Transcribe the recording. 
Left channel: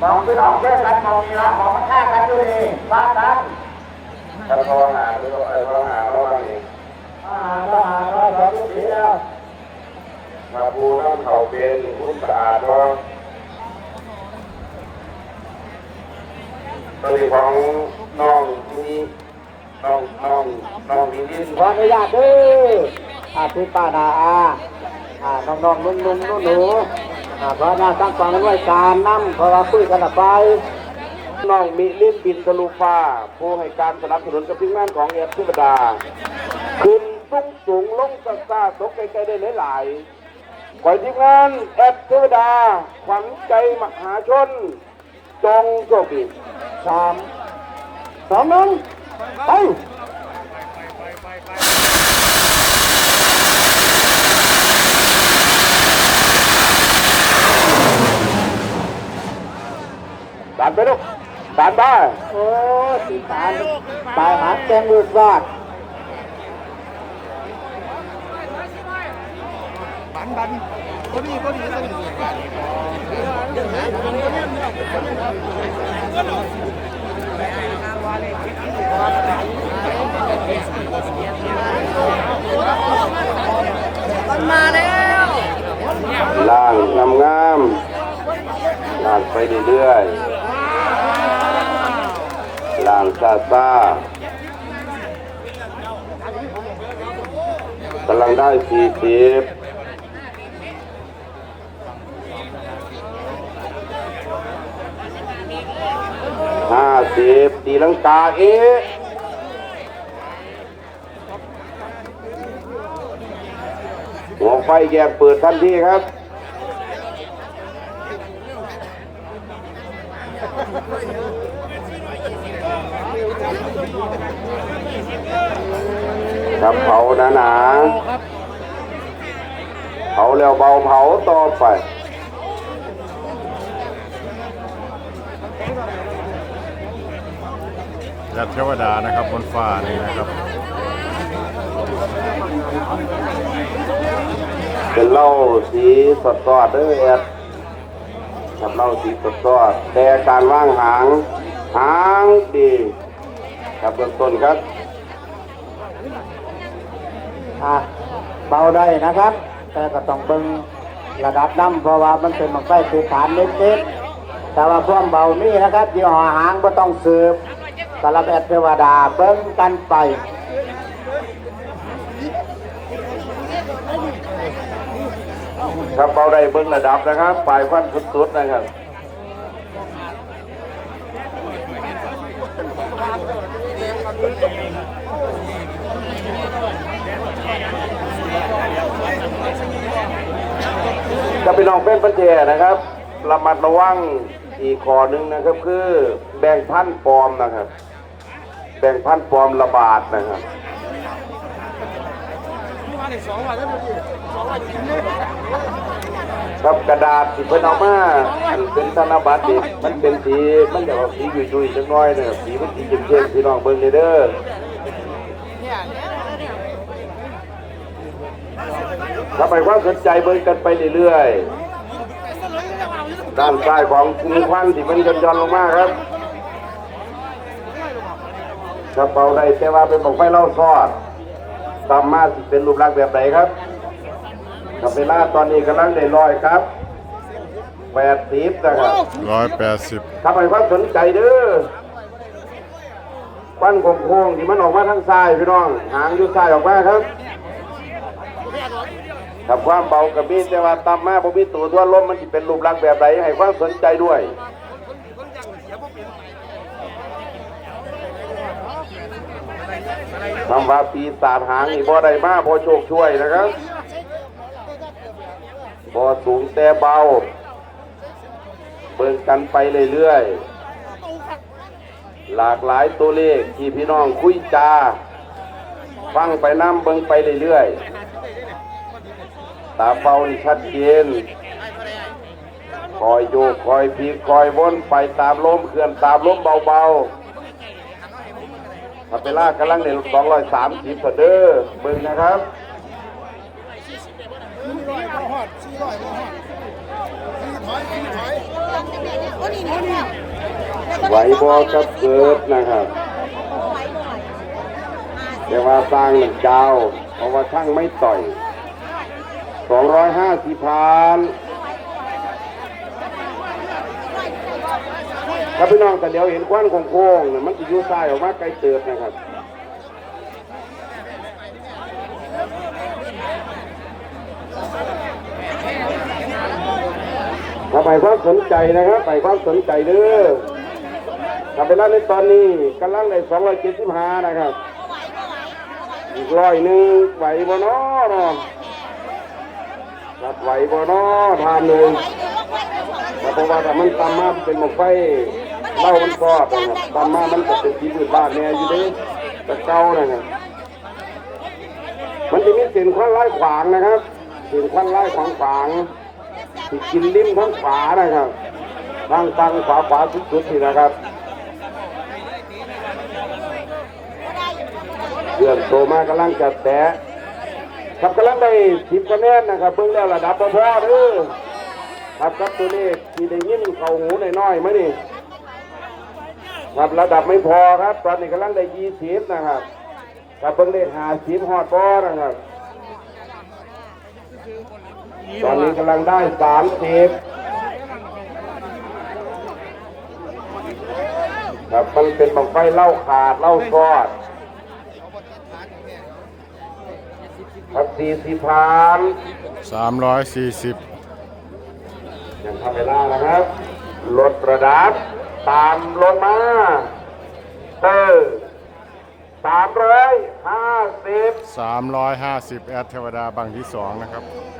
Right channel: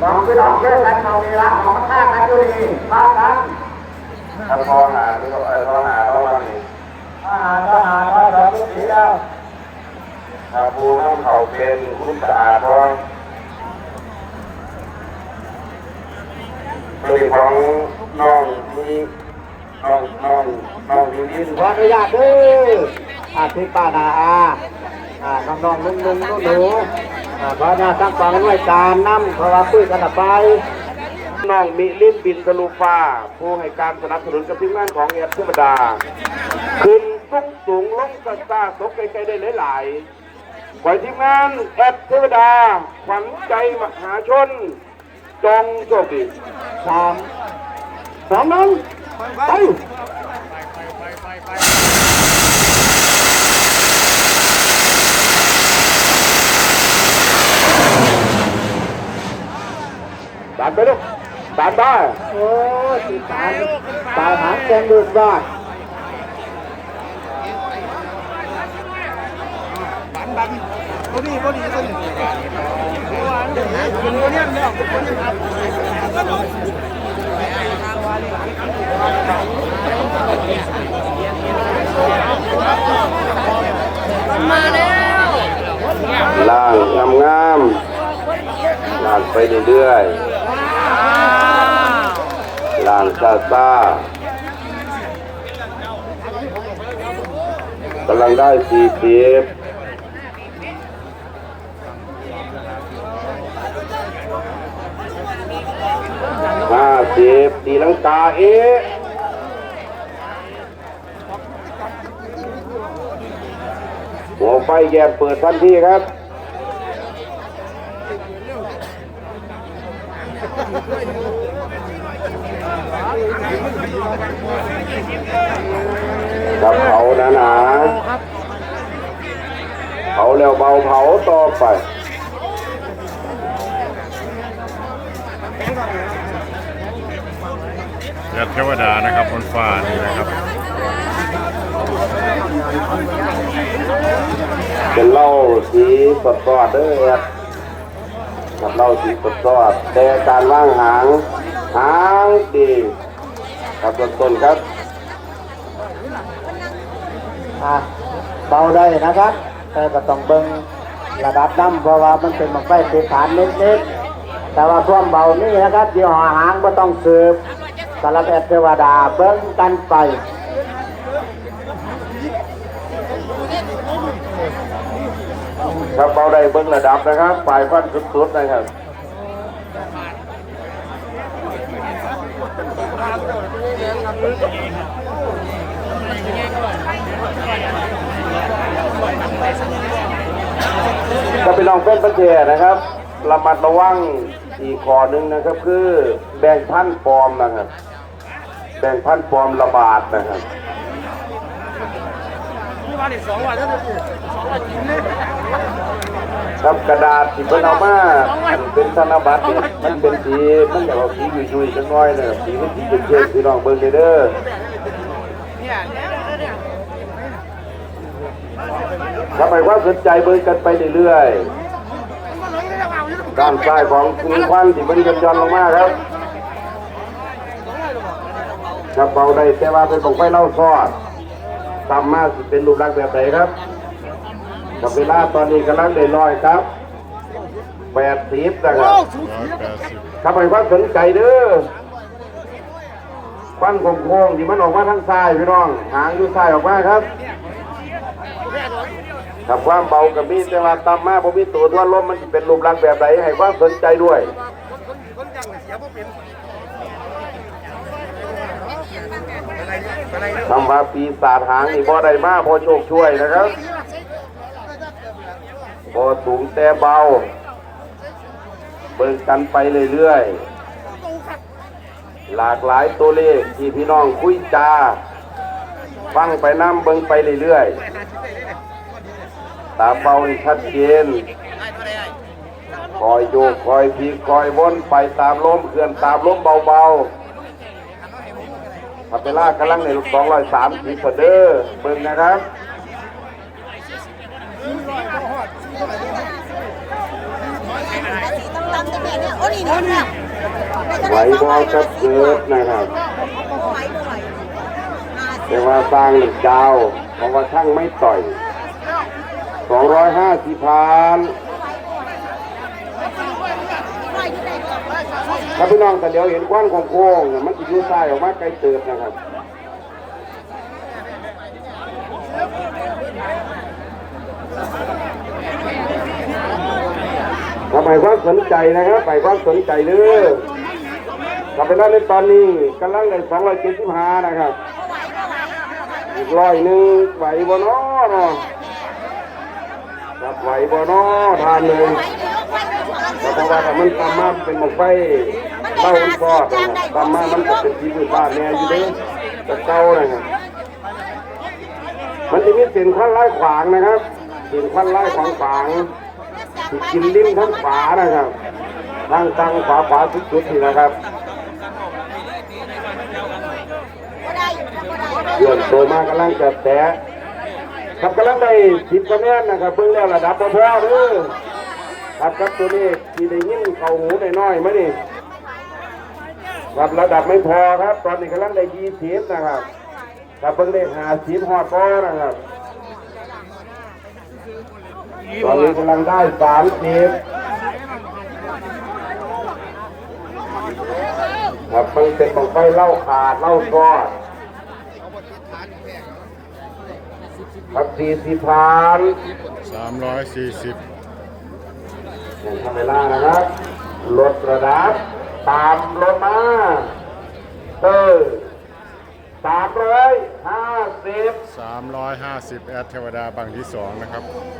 สองพี่น้องเพื่อนกันมองมีรักของข้ากันอยู่นี่ากันถ้าพอหาหรือว่าเอพอหาเราบางนี่อาหารก็หาก็สองเดียวถ้าปูน้ำเขาเป็นคุณสะอาดพอตัวของน้องมีน้องน้องน้องมีดินขออนุญาตด้ออาพี่ป้านาอาอ่าน้องนุ่งๆหนูๆอ่า เพราะน่าตั้งความไว้การนำเพราะว่าคุยกันไปน้องมีลิ้นบินทะลุฟ้าผู้ให้การสนับสนุนกับทีมงานของเอฟเทวดา ขึ้นสูงสูงลงซาซาตกไกลๆได้หลายๆขอทีมงานแอปเทวดาขวัญใจมหาชน จงโชคดีสามสองหนึ่งไป ตามไปลูก ตามได้โอ้ยตาตาหักเตียงดูดว่าบันบันตัวนี้บอดี้ตัวนี้ว่าเดี๋ยวนี้เนี่ยเนี่ยคนนี้ครับล่างงามงามๆล่างไปเรื่อยๆางซาซากำลังได้สี่ปีบห้าสิบตีลังกาเอ๊ะหัวไฟแยบเปิดทันทีครับครับ เผาหนาหนาเผาแล้วเบาเผาต่อไปแอดเทวดานะครับบนฟ้านี่นะครับ เป็นเหล้าสีสดสดเด้อครับเหล้าสีสดสดแต่การว่างหาง หางดีครับต้นต้นครับเบาได้นะครับ แต่ก็ต้องเบิ่งระดับน้ำเพราะว่ามันเป็นมันใกล้ภูฐานเล็กๆแต่ว่าพวกเบานี่นะครับเดี๋ยวอาหารก็ต้องสืบสารแบบเทวดาเบิ่งกันไปครับเบาได้เบิ้งระดับนะครับปลายฟันสุดๆนะครับ จะไปลองเป็นประเทศนะครับระมัดระวังอีกข้อหนึ่งนะครับ คือแบ่งพันธุ์ปลอมนะครับ แบ่งพันธุ์ปลอมระบาดนะครับที่ว่านี่สองวันแล้วนี่สองวันกินเนี่ย ครับกระดาษที่เพิ่นเอามาอันเป็นธนบัตรนี่มันเป็นสีมันอยากเอาสียุ่ยๆจังน้อยเนี่ยสีมันสีเข้มๆพี่น้องเบิ่งเด้อเด้อเนี่ยเนี่ยเนี่ยทำไมความสนใจเบิ่งกันไปเรื่อยมันเลยแล้วเอาอยู่ๆด้านซ้ายของมือควันที่มันย่อนๆลงมาครับกระเป๋าได้แต่ว่าเป็นของไฟเล่าซอดตามมาสิเป็นรูปลักษณ์แบบไหนครับ กับเวลาตอนนี้กำลังได้ร้อยครับแปดสิบนะครับร้อยแปดสิบทำไมว่าสนใจเด้อปั้นโค้งๆที่มันออกมาทางซ้ายพี่น้อง หางอยู่ซ้ายออกมาครับกับความเบากับมีดแต่ว่าตามมาผมมีตัวด้วนลมมันสิเป็นรูปร่างแบบไหนให้ความสนใจด้วยคนจังเสียบ่เป็นอะไรเนี่ยคำว่าปีศาจหางนี่บ่ได้มาบ่โชคช่วยนะครับ บ่สูงแต่เบา เบิ่งกันไปเรื่อยๆ หลากหลายตัวเลขที่พี่น้องคุยจาฟังไปน้ำเบิ่งไปเรื่อยๆ ตาเบานิชัดเจนคอยโยกคอยพลิกคอยวนไปตามลมเคลื่อนตามลมเบาๆพัตลากำลังในสองร้อยสามสิบเด้อเบิ่งนะครับ ตั้งแต่แม่เนี่ยโอ้นี่นี่เนี่ยไหวบอก็เกิดนะครับไหวบ่ไหวแต่ว่าสร้างหนึ่งเจ้าเพราะว่าช่างไม่ต่อยสองร้อยห้าสิบพันถ้าพี่น้องแต่เดี๋ยวเห็นควันของโค้งเนี่ยมันจะยุ่ซ้ายออกมาใจเติบนะครับ ถ้าไปความสนใจนะครับไปความสนใจเด้อกลับไปแล้วในตอนนี้กำลังในสองร้อยเจ็ดสิบห้านะครับอีกร้อยหนึ่งไหวบ่นาะเนาะรับไหวบ่นาะทานเลยไหนี่งแต่เพราะว่าถ้ามันตามมาเป็นหมกไฟเล่ามันก็ตามมามันก็เป็นชีวิตบ้านแน่อยู่เด้แต่เก่านะครับมันจะมีสิ่งขั้นไล่ขวางนะครับสิ่งขั้นไล่ขวางขวาง กินลิ้นทั้งฝานะครับทั้งตังฝาฝาสุดๆนี่นะครับบ่ได้อยู่บ่ได้เรื่องโตมากำลังจะแตะครับกำลังได้สิบคะแนนนะครับเพิ่งได้ระดับพอๆเด้อครับครับตัวนี้ที่ได้ยินเข้าหูน้อยๆไหมนี่ครับระดับไม่พอครับ ตอนนี้กำลังได้ยี่สิบนะครับครับเพิ่งได้หาสิบฮอดป้อนะครับ ตอนนี้กำลังได้สามสิบครับมันเป็นบังไฟเล่าขาดเล่าซอดครับสี่สิบพันสามร้อยสี่สิบอย่างทำเวลานะครับลดระดับตามลงมาเออสามร้อยห้าสิบสามร้อยห้าสิบแอดเทวดาบางที่สองนะครับค